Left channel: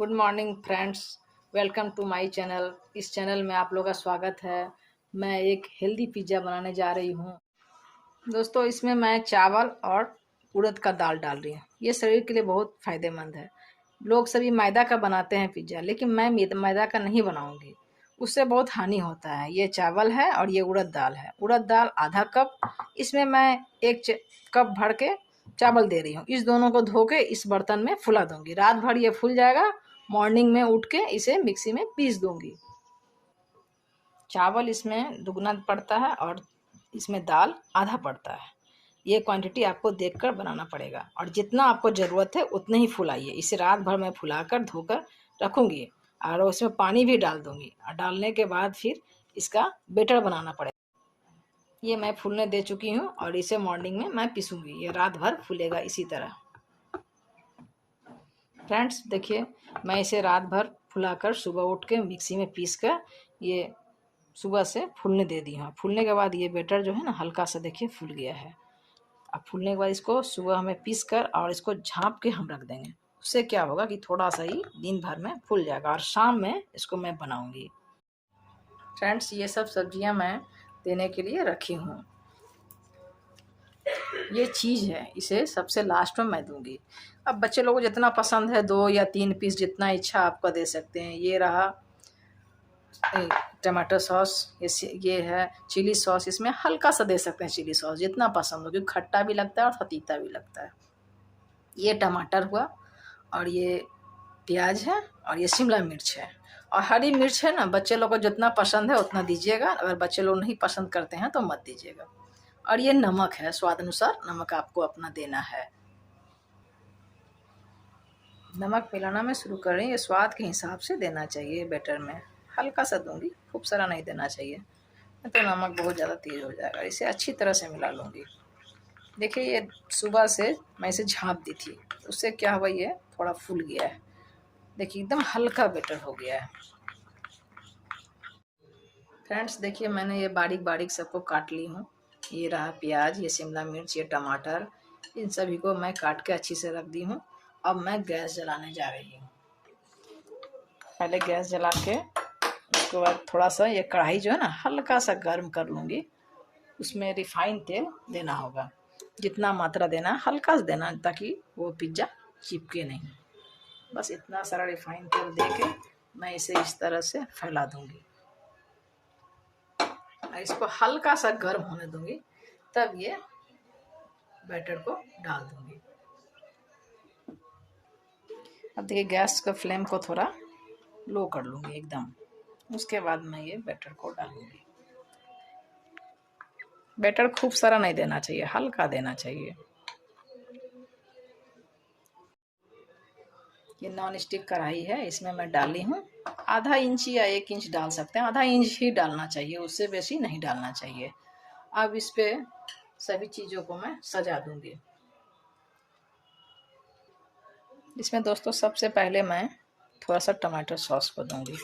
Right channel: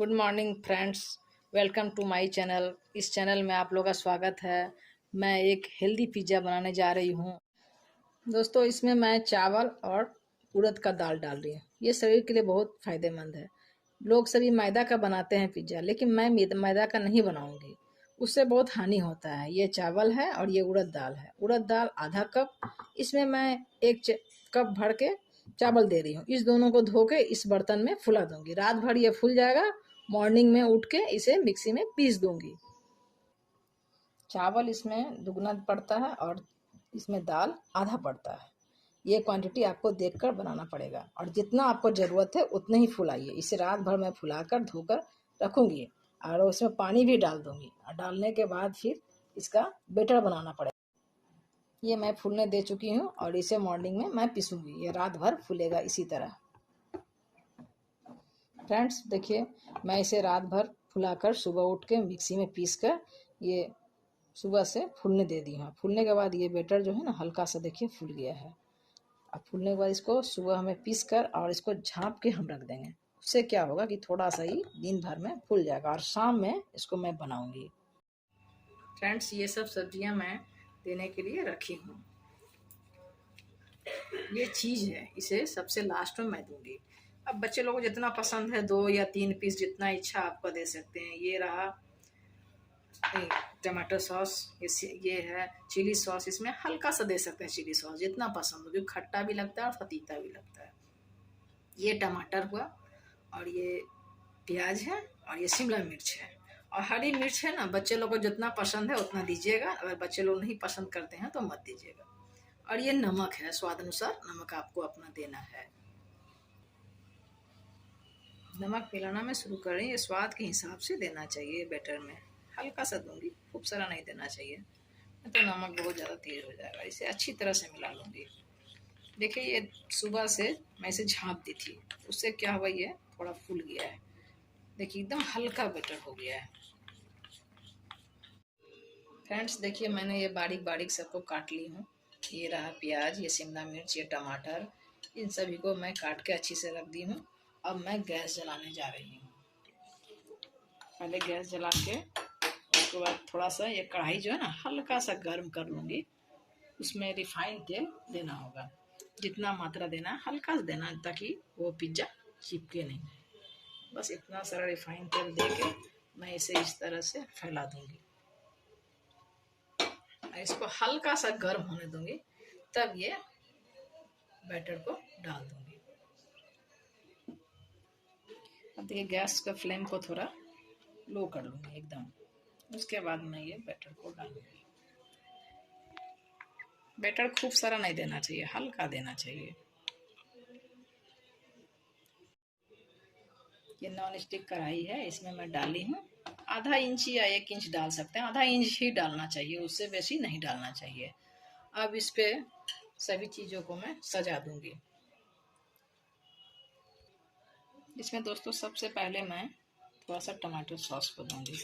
Good morning friends, welcome to my channel. इस channel में आप लोगों का स्वागत है। मैं एक हेल्दी पिज़्ज़ा बनाने जा रही हूँ। दोस्तों, इसमें मैं चावल और उड़द का दाल डाल रही हूँ। ये शरीर के लिए बहुत फ़ायदेमंद है। लोग सभी मैदा का बनाते हैं पिज़्ज़ा, लेकिन मैं मैदा का नहीं बनाऊँगी। उससे बहुत हानि होता है। ये चावल है और ये उड़द दाल है। उड़द दाल आधा कप, इसमें मैं एक कप भर के चावल दे रही हूँ। इस दोनों को धो के इस बर्तन में फुला दूंगी। रात भर ये फूल जाएगा। मॉर्निंग में उठ के इसे मिक्सी में पीस दूंगी। चावल इसमें दुगना पड़ता है और इसमें दाल आधा पड़ता है। ये क्वांटिटी आपको देखकर बनाना पड़ेगा और जितना आपको ज़रूरत है उतने ही फुलाइए। इसे रात भर मैं फुलाकर धोकर रखूंगी और उसमें पानी भी डाल दूंगी और डालने के बाद फिर इसका बेटर बनाना पड़ेगा। ये मैं फूलने दे चुकी हूँ और इसे मॉर्निंग में मैं पीसूंगी। ये रात भर फूलेगा इसी तरह। फ्रेंड्स देखिए, मैं इसे रात भर फुलाकर सुबह उठ के मिक्सी में पीस कर ये सुबह से फूलने दे दी हूँ। फूलने के बाद ये बैटर जो है ना हल्का सा देखिए फूल गया है। अब फूलने के बाद इसको सुबह हमें पीस कर और इसको झाँप के हम रख देंगे। उससे क्या होगा कि थोड़ा सा ही दिन भर में फूल जाएगा और शाम में इसको मैं बनाऊंगी। फ्रेंड्स, ये सब सब्जियां मैं देने के लिए रखी हूँ। ये चीज़ है, इसे सबसे लास्ट में मैं दूंगी। अब बच्चे लोगों को जितना पसंद है 2 या 3 पीस, जितना इच्छा आपका दे सकते हैं। ये रहा टमाटर सॉस, ये है चिली सॉस। इसमें हल्का सा दे सकते हैं चिली सॉस, जितना पसंद हो, क्योंकि खट्टा भी लगता है और फतीता भी लगता है। ये टमाटर हुआ और ये प्याज है और ये शिमला मिर्च है और हरी मिर्च है ना। बच्चे लोग को जितना पसंद है उतना दीजिएगा। अगर बच्चे लोग नहीं पसंद करते हैं तो मत दीजिएगा। और ये नमक है, स्वाद अनुसार नमक आपको अपना देना है। नमक मिलाना मैं शुरू कर रही हूँ। ये स्वाद के हिसाब से देना चाहिए। बैटर में हल्का सा दूंगी, खूब सारा नहीं देना चाहिए, नहीं तो नमक बहुत ज़्यादा तेज हो जाएगा। इसे अच्छी तरह से मिला लूँगी। देखिए, ये सुबह से मैं इसे झाँप दी थी, उससे क्या हुआ, ये थोड़ा फूल गया है। देखिए एकदम हल्का बैटर हो गया है। फ्रेंड्स देखिए, मैंने ये बारीक बारीक सबको काट ली हूँ। ये रहा प्याज, ये शिमला मिर्च, ये टमाटर, इन सभी को मैं काट के अच्छी से रख दी हूँ। अब मैं गैस जलाने जा रही हूँ। पहले गैस जला के उसके बाद थोड़ा सा ये कढ़ाई जो है ना हल्का सा गर्म कर लूँगी। उसमें रिफाइंड तेल देना होगा। जितना मात्रा देना है हल्का सा देना, ताकि वो पिज्ज़ा चिपके नहीं। बस इतना सारा रिफाइंड तेल दे के मैं इसे इस तरह से फैला दूँगी और इसको हल्का सा गर्म होने दूँगी। तब ये बैटर को डाल दूँगी। अब देखिए, गैस का फ्लेम को थोड़ा लो कर लूँगी एकदम। उसके बाद मैं ये बैटर को डालूँगी। बैटर खूब सारा नहीं देना चाहिए, हल्का देना चाहिए। ये नॉन स्टिक कढ़ाई है, इसमें मैं डाली हूँ। आधा इंच या 1 इंच डाल सकते हैं। आधा इंच ही डालना चाहिए, उससे बेसी नहीं डालना चाहिए। अब इस पे सभी चीज़ों को मैं सजा दूँगी। इसमें दोस्तों सबसे पहले मैं थोड़ा सा टमाटर सॉस को दूँगी।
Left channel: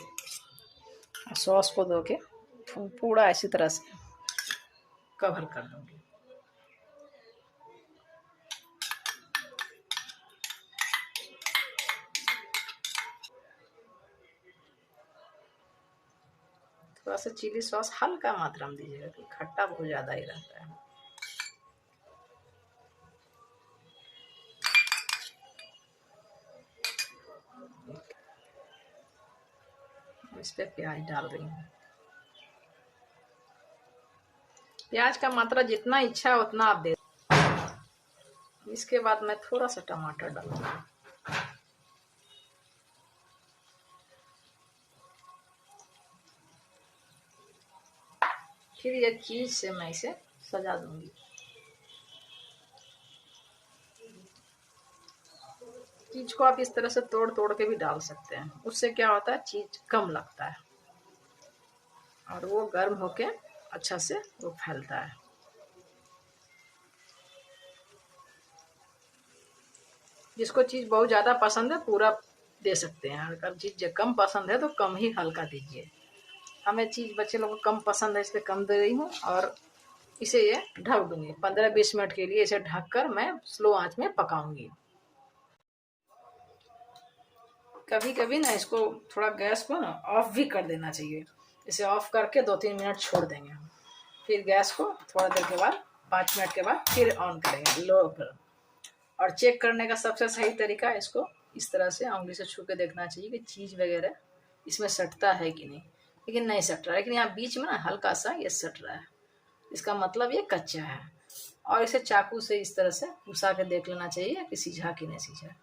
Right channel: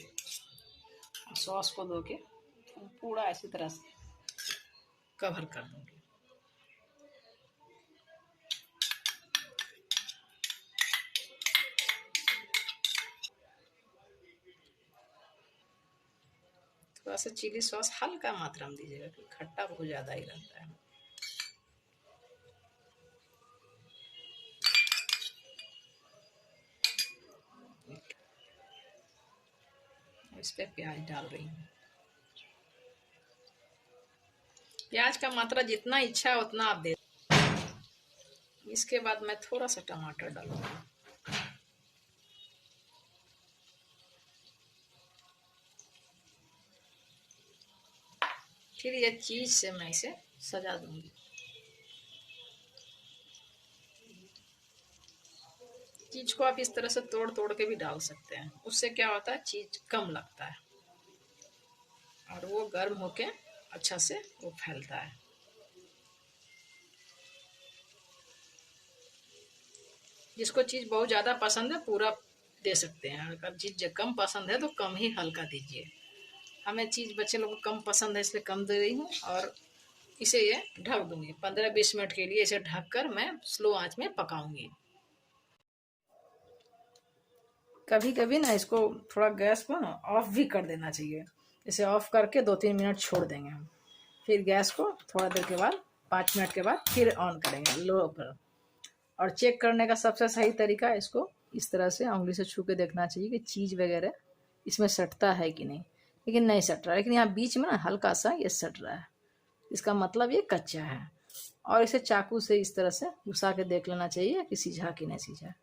सॉस को दो के पूरा इसी तरह से कवर कर दूँगी। थोड़ा सा चिली सॉस हल्का मात्रा में दीजिएगा, क्योंकि खट्टा बहुत ज़्यादा ही रहता है। इस पे प्याज डाल रही हूँ। प्याज का मात्रा जितना इच्छा है उतना आप दे। इसके बाद मैं थोड़ा सा टमाटर डालूंगी। फिर ये चीज से मैं इसे सजा दूंगी। चीज को आप इस तरह से तोड़ तोड़ के भी डाल सकते हैं। उससे क्या होता है, चीज कम लगता है और वो गर्म होके अच्छा से वो फैलता है। जिसको चीज बहुत ज्यादा पसंद है पूरा दे सकते हैं। अगर चीज कम पसंद है तो कम ही हल्का दीजिए। हमें चीज बच्चे लोगों को कम पसंद है, इसलिए कम दे रही हूँ। और इसे ये ढक दूंगी 15-20 मिनट के लिए। इसे ढककर मैं स्लो आंच में पकाऊंगी। कभी कभी ना इसको थोड़ा गैस को ना ऑफ भी कर देना चाहिए। इसे ऑफ करके 2-3 मिनट छोड़ देंगे हम, फिर गैस को थोड़ा देर के बाद 5 मिनट के बाद फिर ऑन करेंगे लो पर। और चेक करने का सबसे सही तरीका है, इसको इस तरह से उंगली से छू के देखना चाहिए कि चीज़ वगैरह इसमें सटता है कि नहीं। लेकिन नहीं सट रहा, लेकिन यहाँ बीच में ना हल्का सा ये सट रहा है, इसका मतलब ये कच्चा है। और इसे चाकू से इस तरह से घुसा के देख लेना चाहिए कि सीझा कि नहीं सीझा।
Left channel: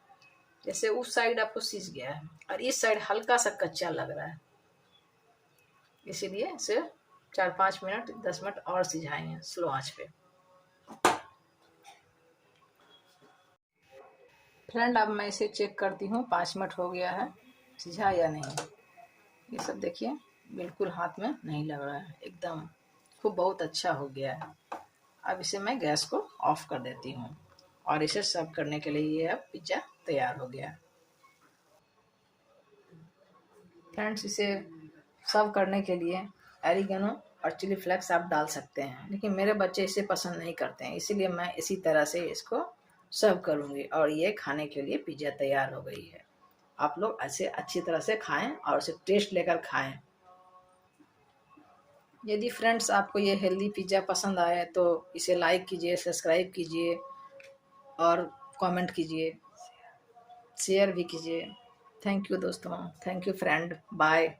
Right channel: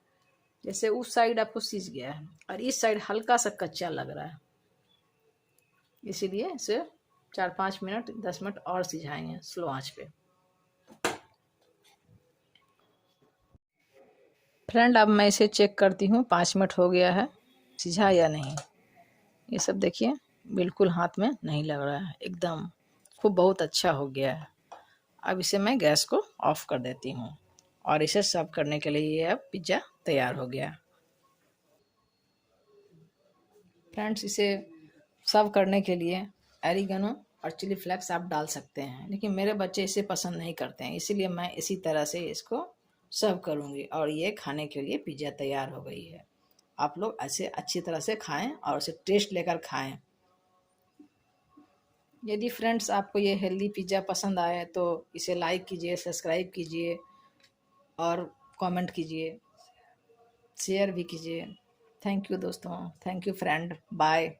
जैसे उस साइड आपको सीझ गया है और इस साइड हल्का सा कच्चा लग रहा है, इसीलिए इसे 4-5 मिनट 10 मिनट और सिझाएंगे स्लो आंच पे। फ्रेंड अब मैं इसे चेक करती हूँ 5 मिनट हो गया है, सिझा या नहीं। ये सब देखिए बिल्कुल हाथ में नहीं लग रहा है, एकदम खूब बहुत अच्छा हो गया है। अब इसे मैं गैस को ऑफ कर देती हूँ और इसे सर्व करने के लिए ये अब पिज़्ज़ा तैयार हो गया। फ्रेंड्स इसे सर्व करने के लिए एरिगेनो और चिली फ्लेक्स आप डाल सकते हैं, लेकिन मेरे बच्चे इसे पसंद नहीं करते हैं, इसीलिए मैं इसी तरह से इसको सर्व करूँगी और ये खाने के लिए पिज़्ज़ा तैयार हो गई है। आप लोग ऐसे अच्छी तरह से खाएं और उसे टेस्ट लेकर खाएं। यदि फ्रेंड्स आपको ये हेल्दी पिज़्ज़ा पसंद आए तो इसे लाइक कीजिए, सब्सक्राइब कीजिए और कमेंट कीजिए, शेयर भी कीजिए। थैंक यू दोस्तों, थैंक यू फ्रेंड, बाय।